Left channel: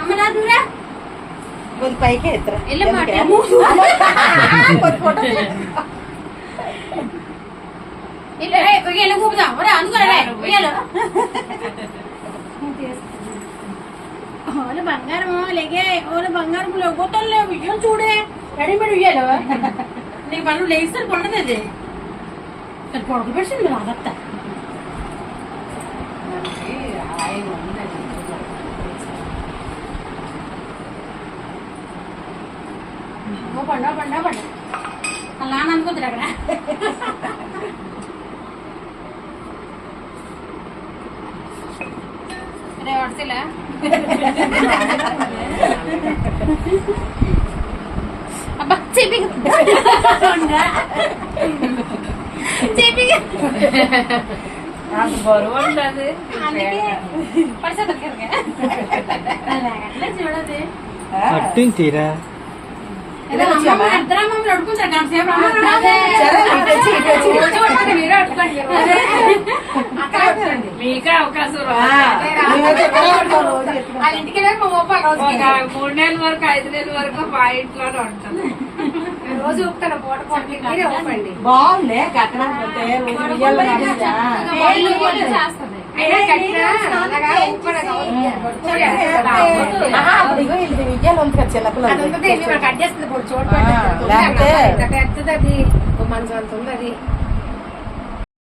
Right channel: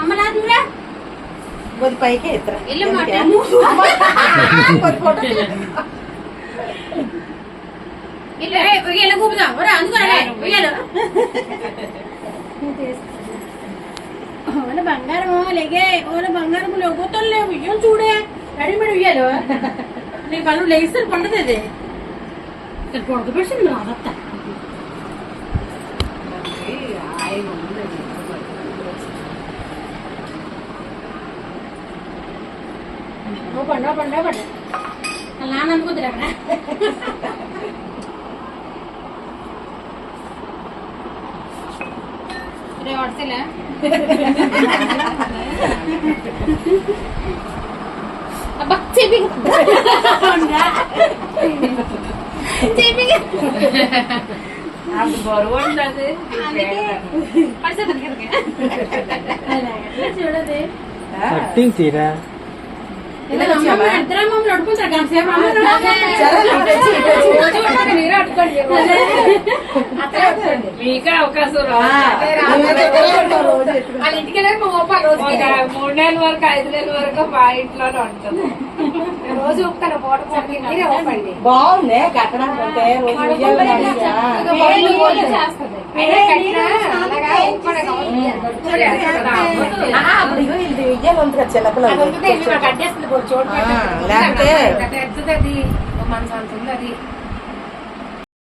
అమ్మనాథంరా కొద్ది పైకి ఎత్తరా ఇలా కూపుదాం అందుకని బంగారము లేగే ఓల బంగారము లొగ్గుతాను లేవు విజయం చూడే రెడీమేడ్ ఉయ్యాలు నీకు పనులు లేస్తారు పండుగ అది పొడక పెట్టింది రాదత్త పండు పండు పండు అలా అందుకుద్దురు అక్కడ రే వడతలే అబ్బా చెపి చెపి గొడవ ఉంటుంది చూడదు తీరా మీకే అవకాశం 3 నెలల వరకు 5 నెలల వరకు మా ఇంట్లోనే ఉంటుంది. రోజు ఊపుతాను బాగుంది కట్టడానికి విజయాలు ఉంది కదా చిన్నపిల్లలు కట్టేస్తుంది లేకపోతే పెద్దది మంచి అంత ఉంది అది